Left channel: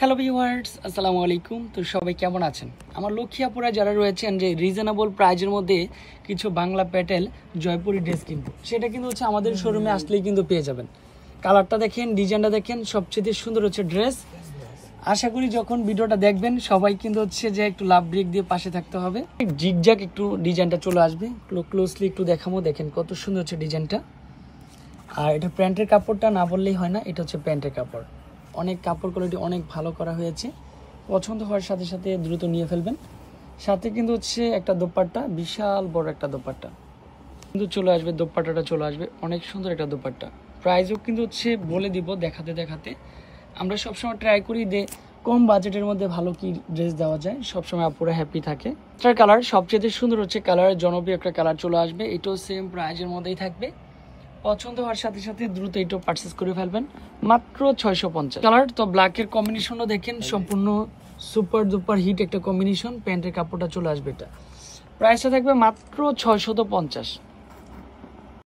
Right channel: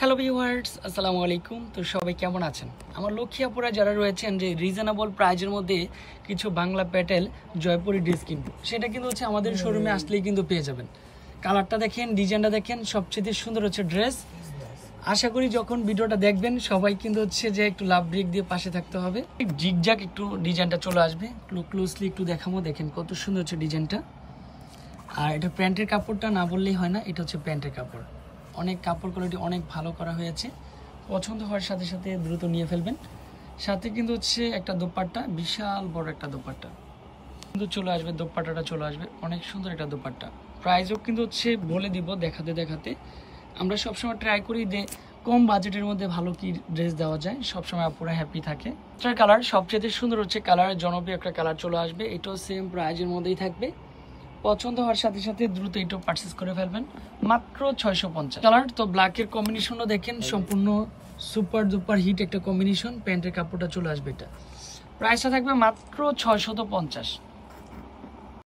Hello viewers, আসসালামু আলাইকুম। তো সবাই কেমন আছেন? আমার লক্ষ্মী আপুরা যারা রয়েছেন যে রিজনেবল প্রাইজের মধ্যে কিছু বাংলা প্যাটেল জয়পুরি ড্রেস কিনবো, সেটা কিন্তু হচ্ছে আমাদের শোরুমে আসলেই কিন্তু পেয়ে যাবেন। কালারটা দেখেন, ডিজাইনটা দেখেন, সবচেয়ে সুন্দর হচ্ছে ড্রেস। আশা করি যখন ভিডিওটা দেখবেন সবাই কিন্তু হচ্ছে যে একটু লাভ ব্রেক দিয়ে পাশে থাকতে হবে। জিগজাগ একটু ডিজাইনটা চলে আসবে, ক্লোজলি একটু দেখাবো। দেখেন কত সুন্দর হচ্ছে ডিজাইনটা। আর এটা প্যান্টের কাপড়টা না বললেই হয় না, এটা হচ্ছে প্যান্টের কাপড়। অনেক কাপড় কোয়ালিটি অনেক ভালো করা হয়েছে। পছন্দ হওয়ার সাথে সাথে দ্রুত নিয়ে ফেলবেন। সাথে কিন্তু হচ্ছে একটা দোপাট্টা, বিশাল বড় একটা দোপাট্টা কিন্তু চলে আসবে। দোপাট্টাটা চলে আসবে, অনেক সুন্দর একটা দোপাট্টা। প্রাইসও কিন্তু হচ্ছে বলে দিব দেখাতে দেখাতে। আমরা সবসময় ট্রাই করি যে কম বাজেটের মধ্যে ভালো কি ড্রেস দেওয়া যায়, সবসময় আপুরা হ্যাপি থাকে। এটার কালার সবচেয়ে সুন্দর হচ্ছে, কালারের জনপ্রিয় একটা কালার চলে আসবে। এটাও সেম প্রাইজের মধ্যেই থাকবে। পছন্দ হওয়ার সাথে সাথে দ্রুত এটা পারচেস করে ফেলবেন, মাত্র 650 কালার। তো ব্ল্যাকের কম্বিনেশনও দেখেন, সম্পূর্ণ সুপার ডুপার হিট একটা কম্বিনেশন। প্যান্টের কাপড়টা চলে আসবে, এটা প্রাইসটা থাকবে মাত্র 650।